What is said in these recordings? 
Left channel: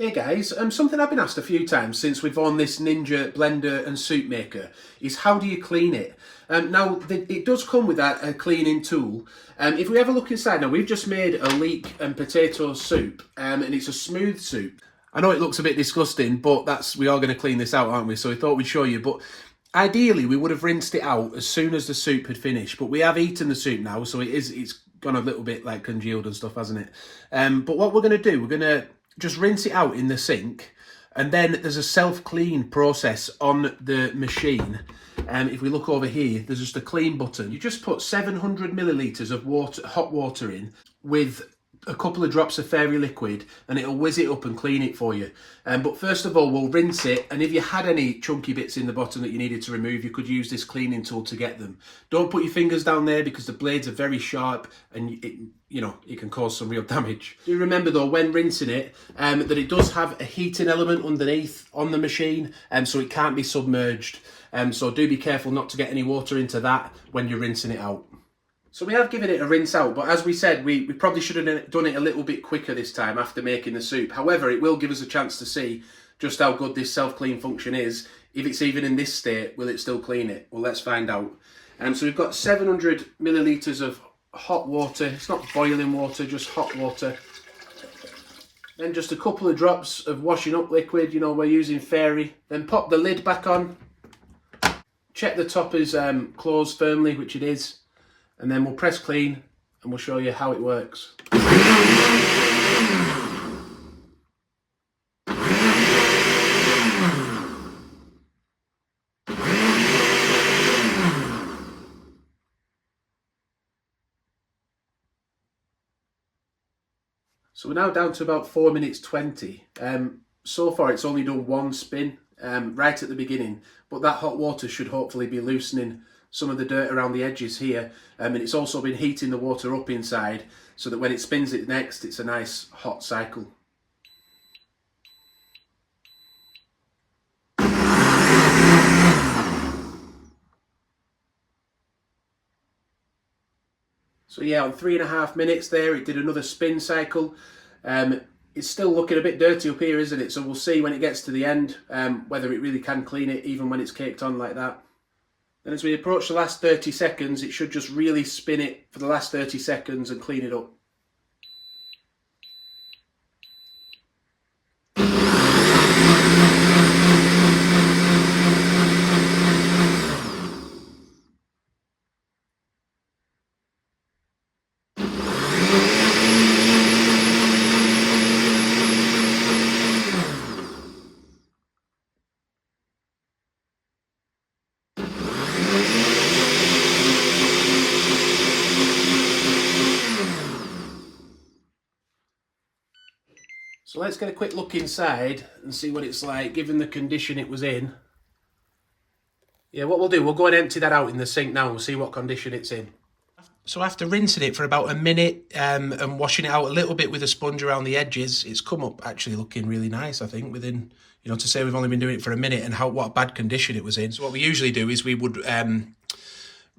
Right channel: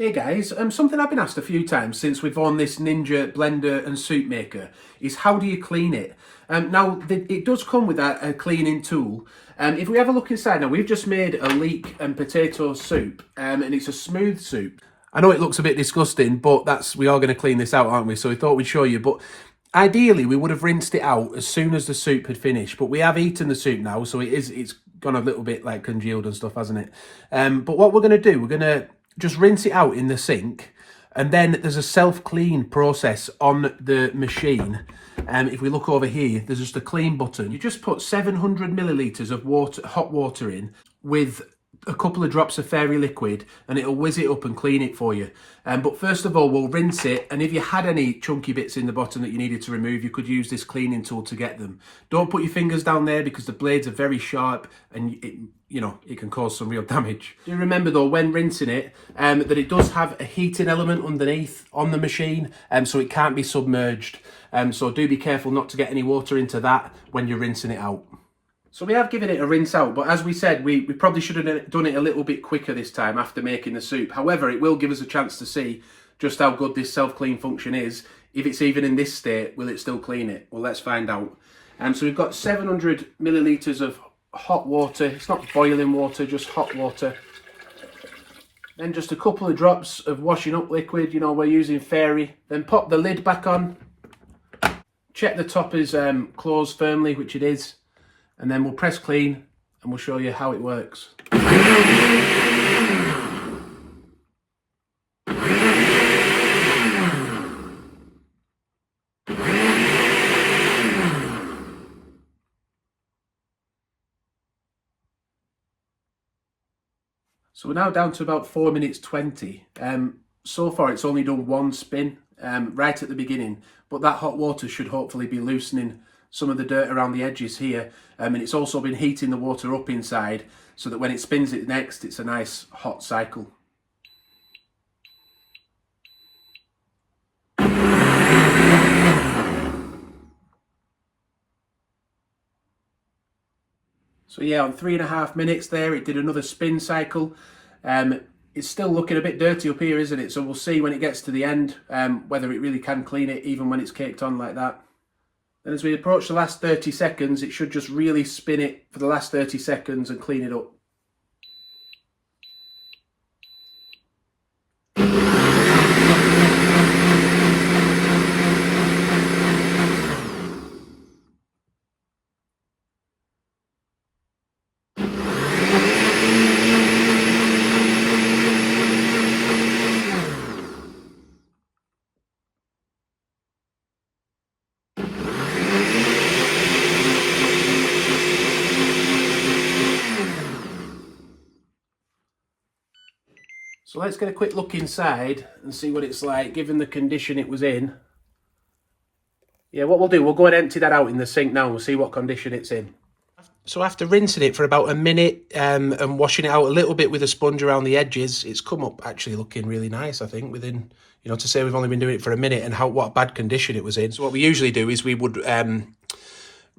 Hey guys, something I've been asked a few times since we've owned this Ninja blender and soup maker is how do you clean it? It does come with a cleaning tool. If we have a look inside now, we've just made a leek and potato soup, and it's a smooth soup. I know it looks a bit disgusting, but we are going to clean this out, aren't we? So we thought we'd show you, but ideally we would have rinsed it out as soon as the soup had finished, but we have eaten the soup now, so it's gone a little bit like congealed and stuff, hasn't it? But what we're going to do, we're going to just rinse it out in the sink, and then there's a self-clean process on the machine. If we look over here, there's just a clean button. You just put 700 millilitres of water, hot water in with a couple of drops of fairy liquid, and it'll whiz it up and clean it for you. But first of all, we'll rinse it, and if you had any chunky bits in the bottom that you needed to remove, you could use this cleaning tool to get them. Don't put your fingers down there because the blades are very sharp and it can cause some real damage. Do remember though, when rinsing it, that it does have a heating element underneath on the machine, so it can't be submerged. So do be careful not to get any water into that when you're rinsing it out. So we have given it a rinse out, but as we said, we probably should have done it a little bit quicker this time after making the soup. However, it will give us a chance to see just how good this self-clean function is. If it's even in this state, will it still clean it? Well, let's find out. So we've got 700 millilitres of hot water. It's not boiling water, just hot water. Then just a couple of drops of washing up liquid, we're using fairy. Then pop the lid back on. Check the top is closed firmly, which it is. And then we'll press clean and we'll show you how it works. So we're now down to about 4 minutes 20. So far it's only done one spin right at the beginning, but that hot water should hopefully be loosening some of the dirt around the edges here, and it's also been heating the water up inside so that when it spins it next, it's a nice hot cycle. So yeah, on 3.5 minutes there, it did another spin cycle. It's still looking a bit dirty up here, isn't it? So we'll see when it gets to the end whether it really can clean it even when it's caked on like that. And as we approach the last 30 seconds, it should just really spin it for the last 30 seconds and clean it up. So let's get a quick look inside and see what it's like, given the condition it was in. Yeah, what we'll do, we'll go and empty that out in the sink now. We'll see what condition it's in. So after rinsing it for about a minute and washing it out a little bit with a sponge around the edges, it's come up actually looking really nice, I think, within, to say we've only been doing it for a minute and what bad condition it was in. So what we usually do is we would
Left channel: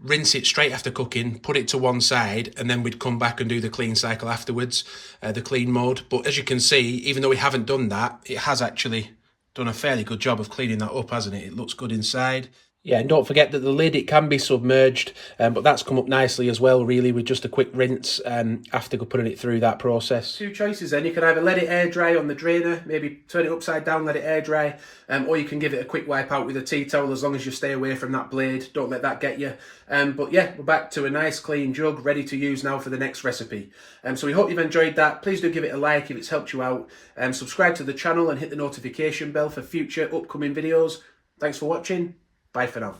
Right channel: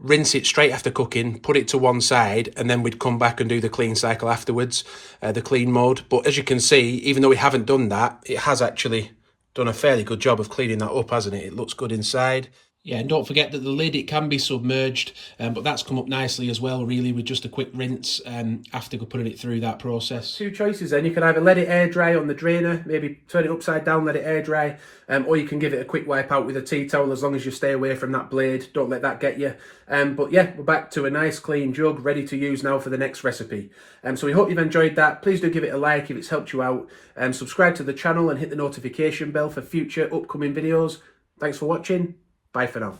rinse it straight after cooking, put it to one side, and then we'd come back and do the clean cycle afterwards, the clean mode. But as you can see, even though we haven't done that, it has actually done a fairly good job of cleaning that up, hasn't it? It looks good inside. Yeah, and don't forget that the lid, it can be submerged, but that's come up nicely as well, really, with just a quick rinse after putting it through that process. Two choices then. You can either let it air dry on the drainer, maybe turn it upside down, let it air dry, or you can give it a quick wipe out with a tea towel, as long as you stay away from that blade. Don't let that get you. But yeah, we're back to a nice clean jug, ready to use now for the next recipe. So we hope you've enjoyed that. Please do give it a like if it's helped you out. Subscribe to the channel and hit the notification bell for future upcoming videos. Thanks for watching. Bye for now.